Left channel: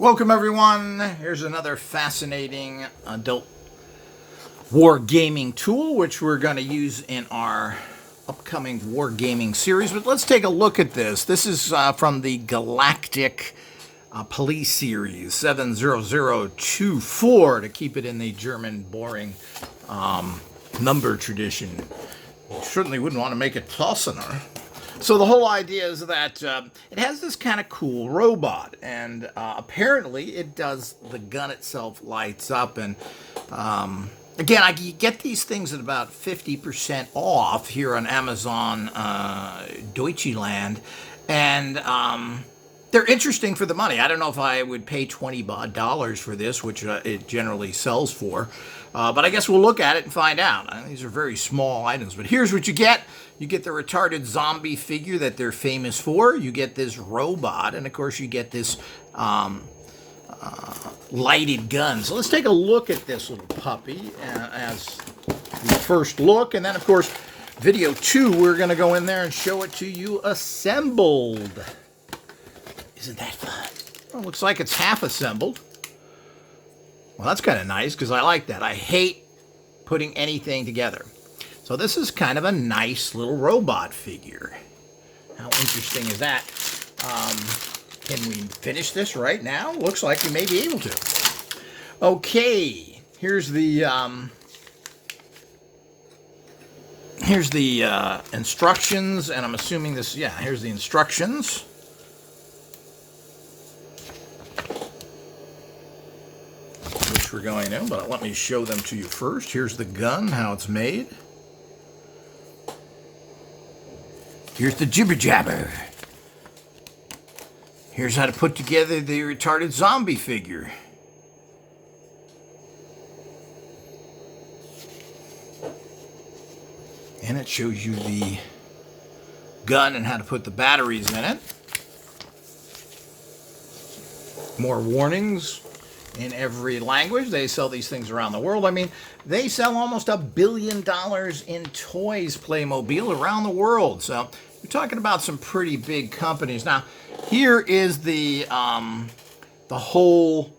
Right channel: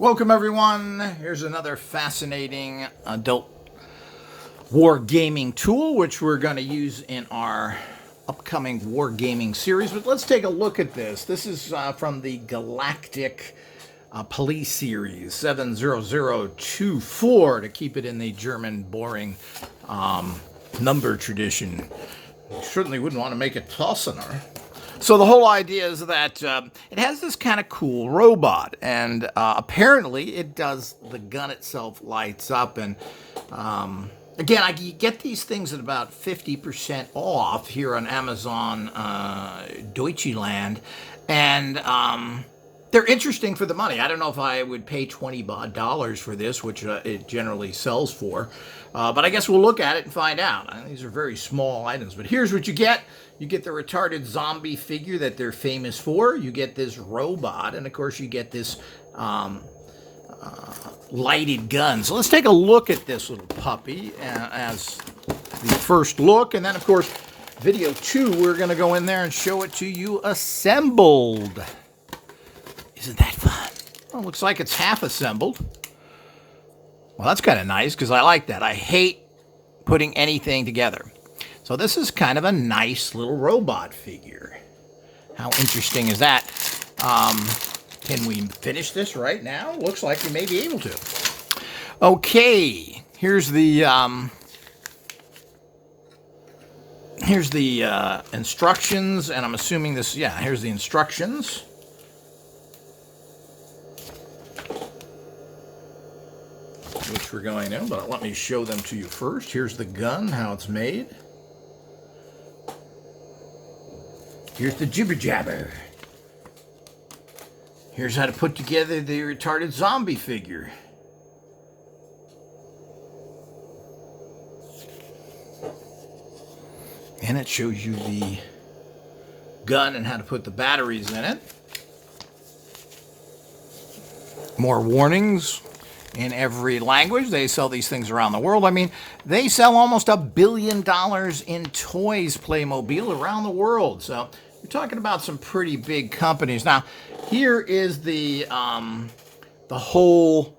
Welcome everyone. Here's another fascinating adult wargaming tool which we're going to use in our upcoming wargaming series. But let's take a look at this. This is from the Galactic Police series 70024 to keep it in the German boring number tradition. You certainly wouldn't want to make it Tausener. So the whole idea is that it has this kind of cool robot, and apparently it does, the gun itself lights up, and again, you get these things at about 50% off here on Amazon Deutschland, and they're interesting for the money. I don't know if I would pay $20 for this, which it generally sells for, but I guess we'll look at it and find out. These are very small items, but here's what you get. You get the retarded zombie figure that they're famous for. You get this robot, and of course you get this lighted gun. So let's take a look at this little puppy as the first look, and then of course, video 2, we're going to go in there and show it to you assembled. Isn't that fun? Well, looks like it's half assembled. Well, that's kind of nice because I like that. I hate putting anything together. So this is kind of a nice little robot figure. How interesting is that? Can we finish this right now? Looks like we may be able to. Okay, here's the instructions, and I'm assuming this, yeah, here's the instructions. Which we're going to, but let me show them to you first. Here's the gun, how it's made. Here's the jibber jabber. Here's how to put together the retarded zombie figure. And it shows you the gun and how to put the batteries in it. More warnings in every language. They sell these things around the world. I mean, they sell almost $1 billion in toys, Playmobil, around the world. So you're talking about some pretty big companies. Now, here is the whole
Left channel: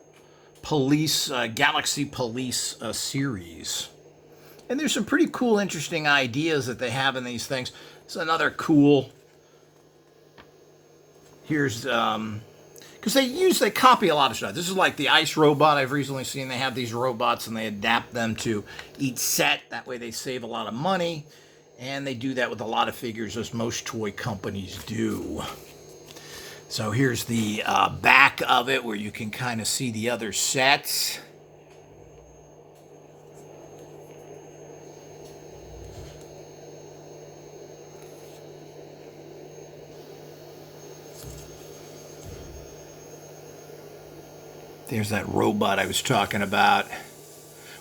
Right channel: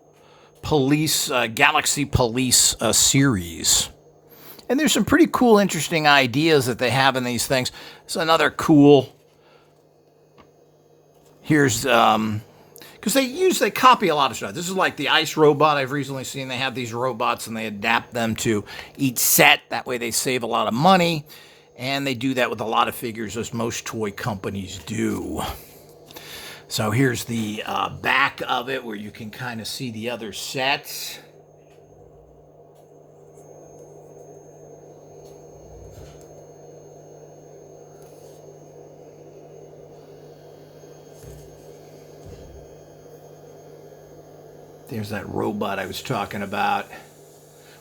police, Galaxy Police series. And there's some pretty cool, interesting ideas that they have in these things. It's another cool, here's, because they copy a lot of stuff. This is like the ice robot I've recently seen. They have these robots and they adapt them to each set. That way they save a lot of money. And they do that with a lot of figures, as most toy companies do. So here's the back of it, where you can kind of see the other sets. There's that robot I was talking about,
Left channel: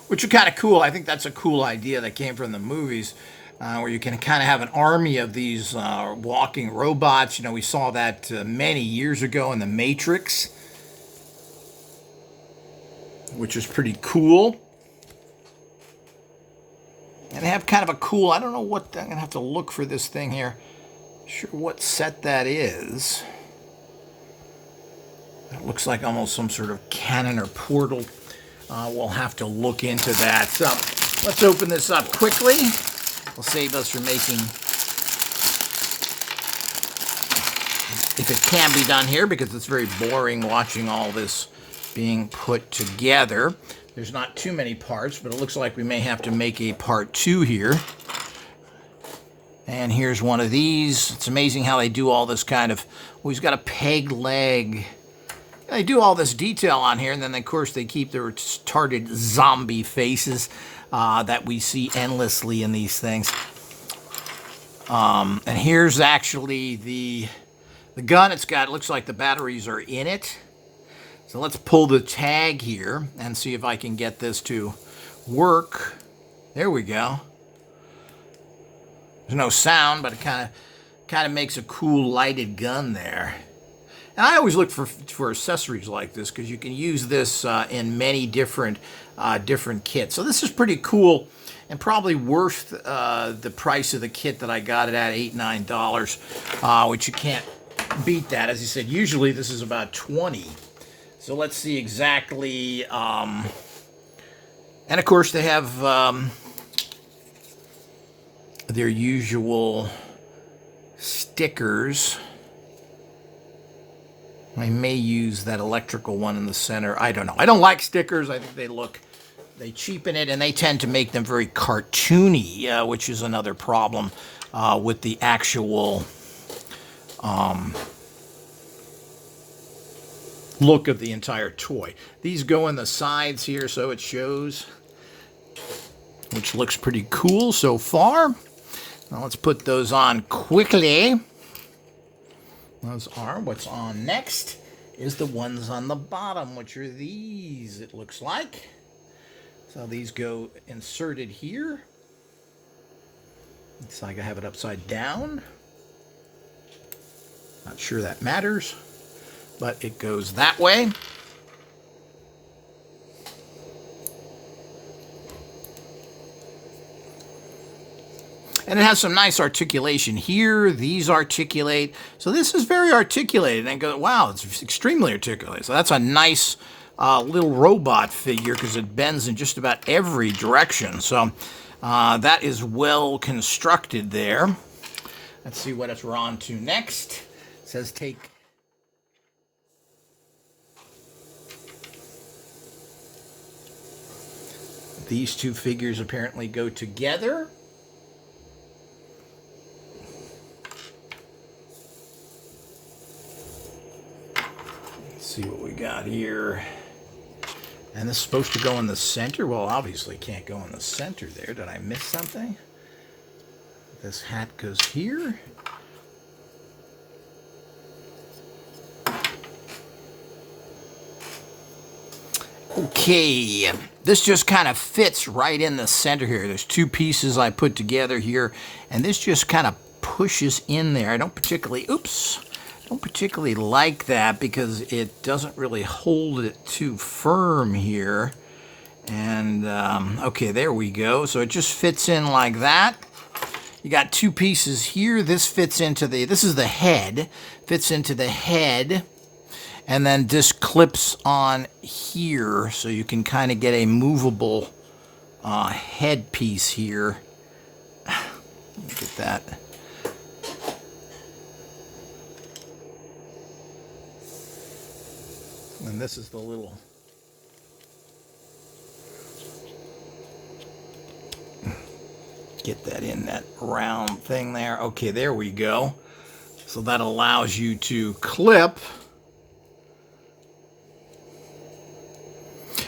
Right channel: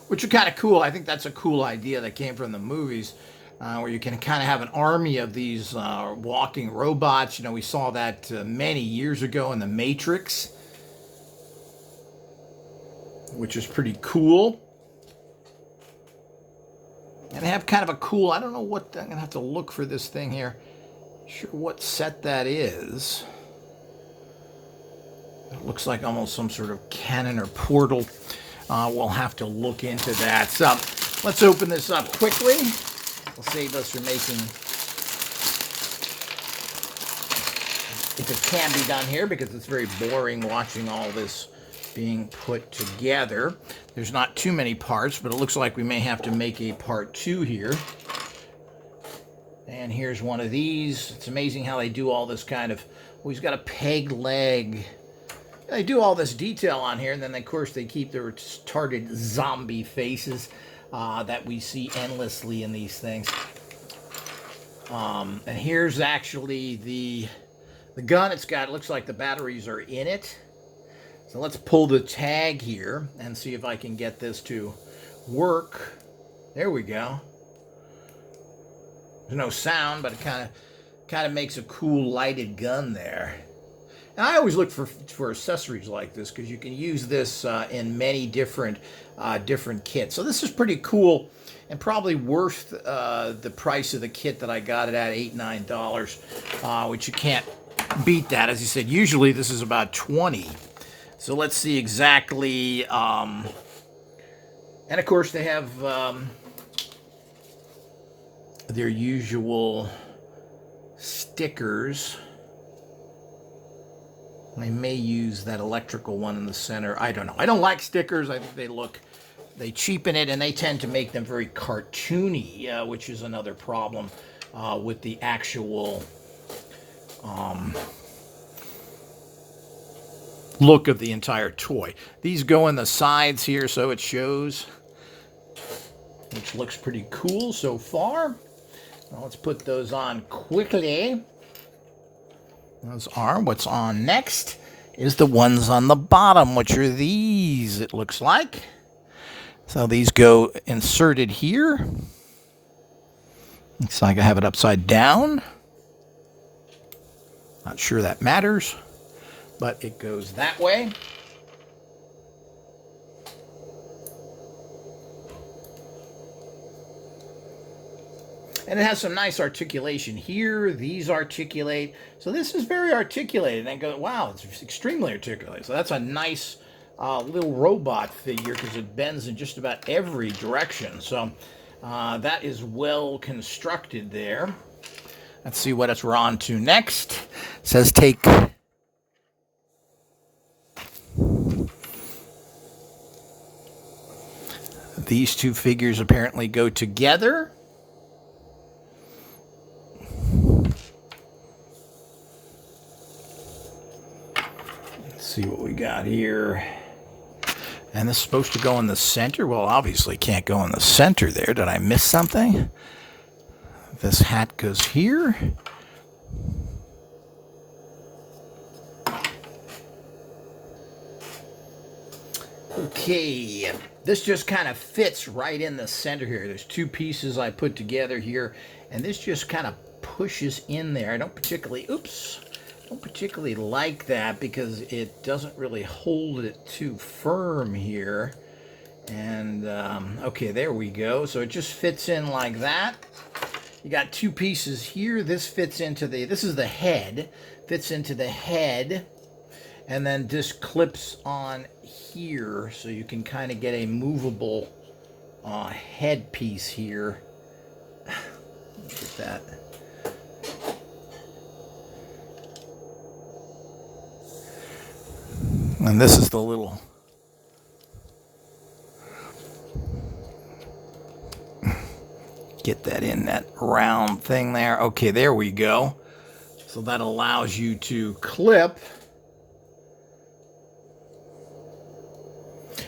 which are kind of cool. I think that's a cool idea that came from the movies, where you can kind of have an army of these walking robots. You know, we saw that many years ago in The Matrix, which is pretty cool. And they have kind of a cool, I don't know what, I'm going to have to look for this thing here. Sure what set that is. It looks like almost some sort of cannon or portal. We'll have to look into that. So let's open this up quickly. It'll save us from making, if it can be done here, because it's very boring watching all this being put together. There's not too many parts, but it looks like we may have to make a part 2 here. And here's one of these. It's amazing how they do all this kind of, well, he's got a peg leg. They do all this detail on here, and then, of course, they keep their retarded zombie faces that we see endlessly in these things. And here's actually the gun. It's got, it looks like the batteries are in it. So let's pull the tag here and see if I can get this to work. There we go. There's no sound, but it kind of makes a cool lighted gun there. And I always look for accessories like this, because you can use this in many different kits. So this is pretty cool, and probably worth the price of the kit that I got it at, $8, $9, which you can't beat that. As you said, usually this is about $20. So let's see exactly, and of course they have their usual stickers. I may use that electrical one in the center. I don't know. I don't like stickers. I think they cheapen it, and they tend to make them very cartoony, which is another problem with the actual look of the entire toy. These go in the sides here, so it shows, which looks pretty cool so far. Now let's put those on quickly. Those are. What's on next is the ones on the bottom, which are these, it looks like. So these go inserted here. Looks like I have it upside down. Not sure that matters, but it goes that way. And it has some nice articulation here. These articulate. So this is very articulated. And go, wow, it's extremely articulated. So that's a nice little robot figure because it bends in just about every direction. So that is well constructed there. Let's see what we're on to next. It says take these two figures apparently go together. See what we got here. And this is supposed to go in the center. Well, obviously can't go in the center there. Did I miss something? This hat goes here. Okay, this just kind of fits right in the center here. There's two pieces I put together here, and this just kind of pushes in there. I don't particularly like that because it doesn't really hold it too firm here. And okay, there we go. So it just fits in like that. You got two pieces here. This fits into this is the head, fits into the head, and then this clips on here, so you can kind of get a movable head piece here. Look at that. And this is the little get that in that round thing there. Okay, there we go. So that allows you to clip.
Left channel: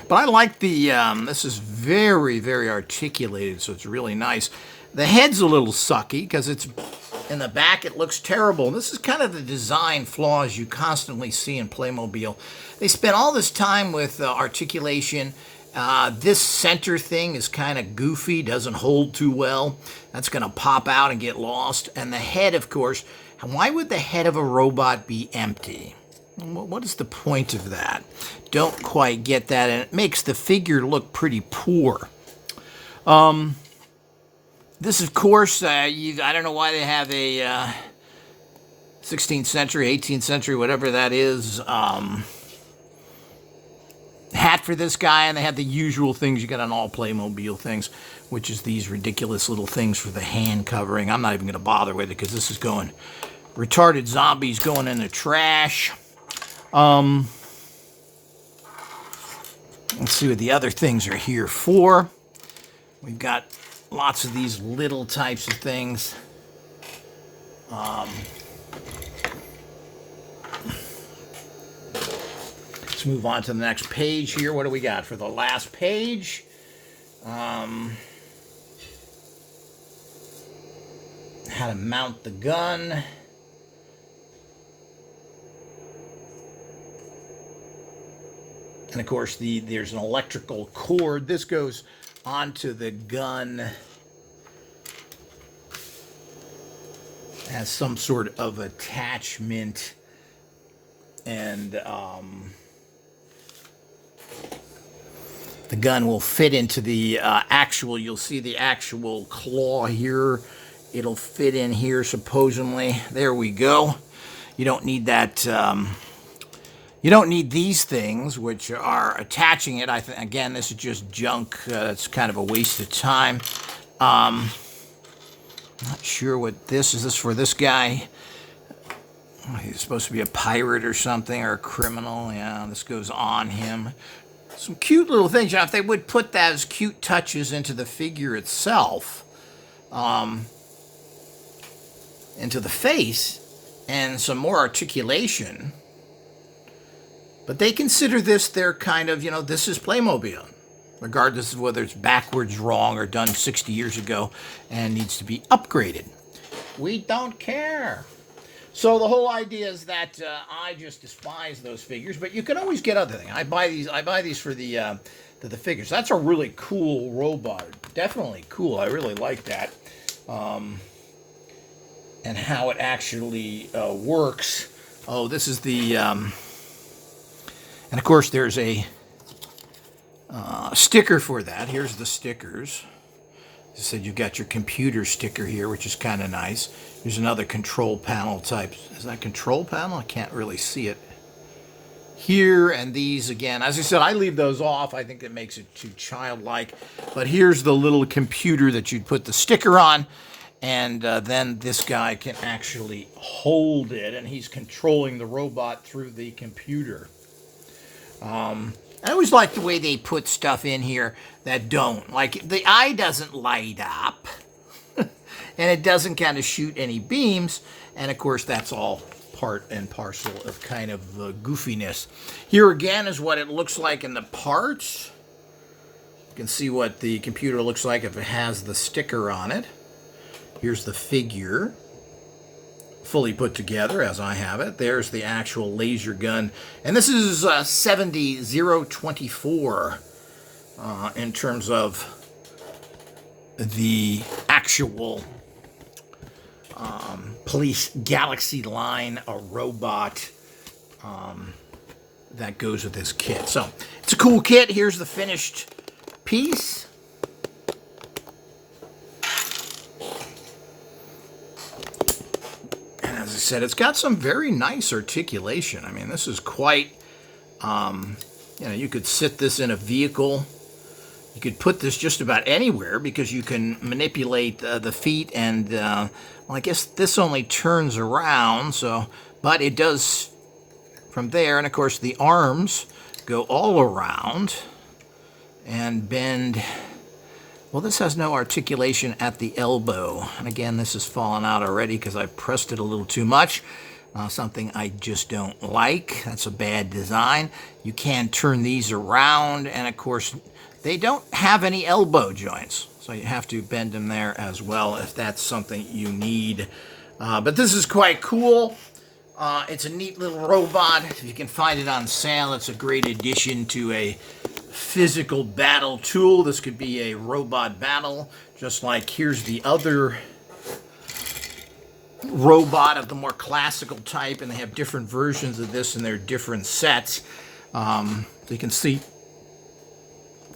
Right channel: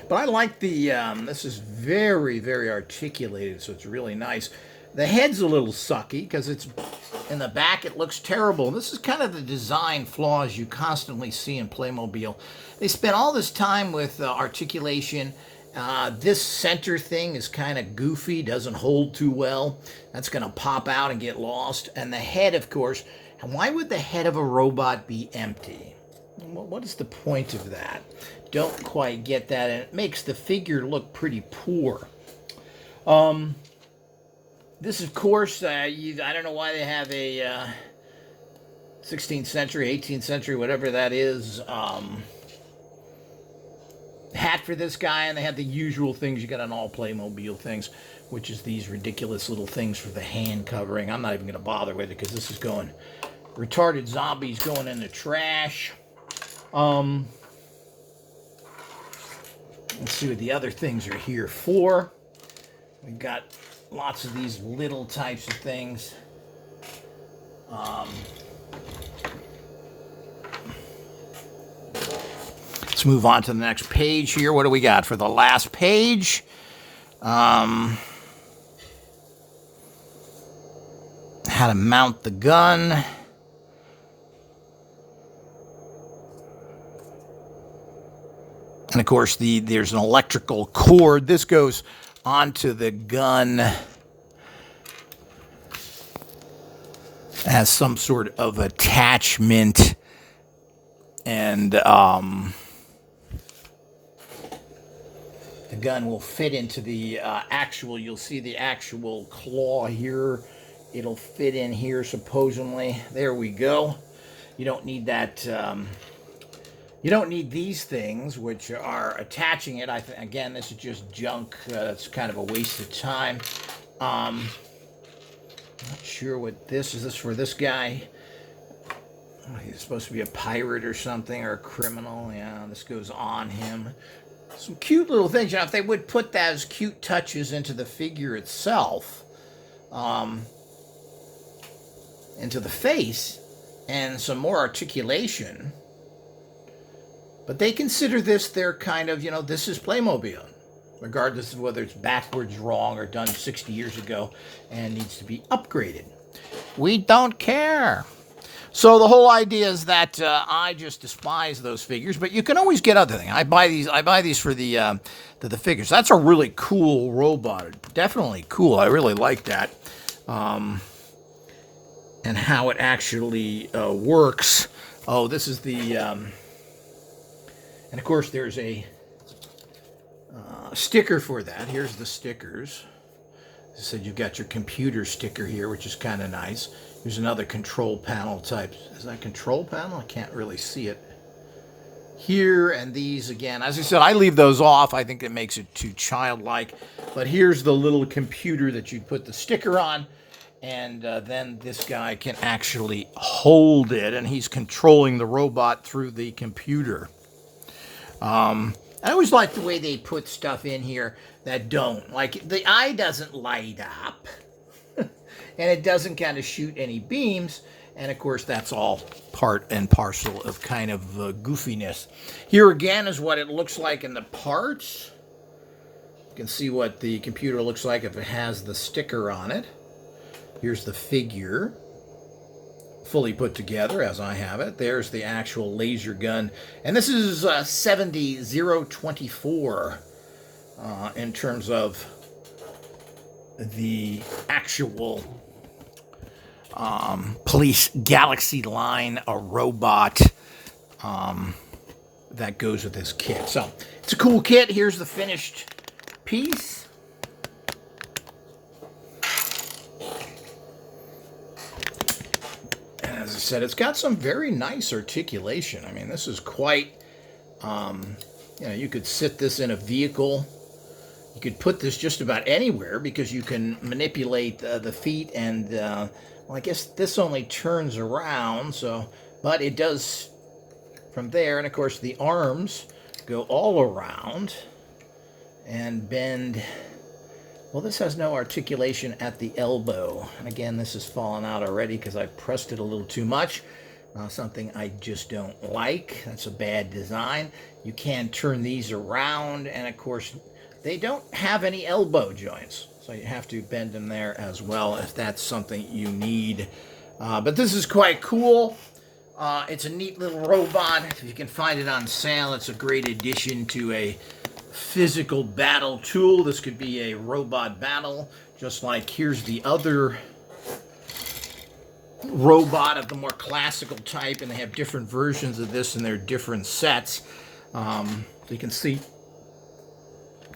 But I like the, this is very, very articulated, so it's really nice. The head's a little sucky because it's in the back, it looks terrible. This is kind of the design flaws you constantly see in Playmobil. They spent all this time with articulation. This center thing is kind of goofy, doesn't hold too well. That's going to pop out and get lost. And the head, of course, why would the head of a robot be empty? What is the point of that? Don't quite get that, and it makes the figure look pretty poor. This, of course, I don't know why they have a 16th century, 18th century, whatever that is, hat for this guy, and they have the usual things you get on all Playmobil things, which is these ridiculous little things for the hand covering. I'm not even going to bother with it because this is going retarded zombies going in the trash. Let's see what the other things are here for. We've got lots of these little types of things. Let's move on to the next page here. What do we got for the last page? How to mount the gun. And of course, there's an electrical cord. This goes onto the gun. It has some sort of attachment. And the gun will fit into the actual, you'll see the actual claw here. It'll fit in here, supposedly. There we go. You don't need that You don't need these things, which are attaching it. Again, this is just junk. It's kind of a waste of time. I'm not sure what this is. Is this for this guy? He's supposed to be a pirate or something, or a criminal. Yeah, this goes on him. Some cute little things. Now, if they would put those cute touches into the figure itself, into the face, and some more articulation. But they consider this their kind of, this is Playmobil, regardless of whether it's backwards, wrong, or done 60 years ago and needs to be upgraded. We don't care. So the whole idea is that I just despise those figures, but you can always get other things. I buy these for the figures. That's a really cool robot. Definitely cool. I really like that. And how it actually works. Oh, this is the... and of course, there's a sticker for that. Here's the stickers. As I said, you've got your computer sticker here, which is kind of nice. Here's another control panel type. Is that control panel? I can't really see it. Here, and these again. As I said, I leave those off. I think it makes it too childlike. But here's the little computer that you'd put the sticker on. And then this guy can actually hold it, and he's controlling the robot through the computer. I always like the way they put stuff in here that don't. Like, the eye doesn't light up, and it doesn't kind of shoot any beams. And, of course, that's all part and parcel of kind of goofiness. Here, again, is what it looks like in the parts. You can see what the computer looks like if it has the sticker on it. Here's the figure, fully put together as I have it. There's the actual laser gun. And this is 70024 in terms of the actual Police Galaxy line, a robot that goes with this kit. So it's a cool kit. Here's the finished piece. As I said, it's got some very nice articulation. I mean, this is quite, you could sit this in a vehicle. You could put this just about anywhere because you can manipulate the feet and, well, I guess this only turns around, but it does from there. And, of course, the arms go all around and bend. Well, this has no articulation at the elbow. And again, this has fallen out already because I pressed it a little too much. Something I just don't like. That's a bad design. You can turn these around. And, of course, they don't have any elbow joints. So you have to bend them there as well if that's something you need. But this is quite cool. It's a neat little robot. If you can find it on sale, it's a great addition to a physical battle tool. This could be a robot battle, just like here's the other robot of the more classical type, and they have different versions of this in their different sets. So you can see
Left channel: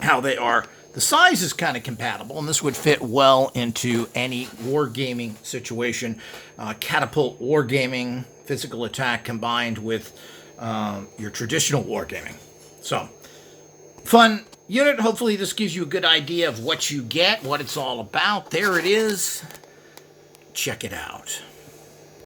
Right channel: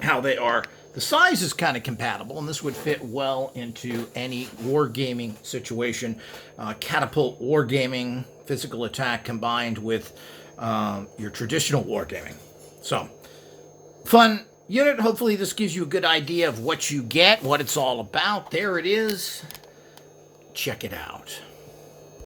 how they are. The size is kind of compatible, and this would fit well into any wargaming situation. Catapult wargaming, physical attack combined with your traditional wargaming. So, fun unit. Hopefully this gives you a good idea of what you get, what it's all about. There it is. Check it out.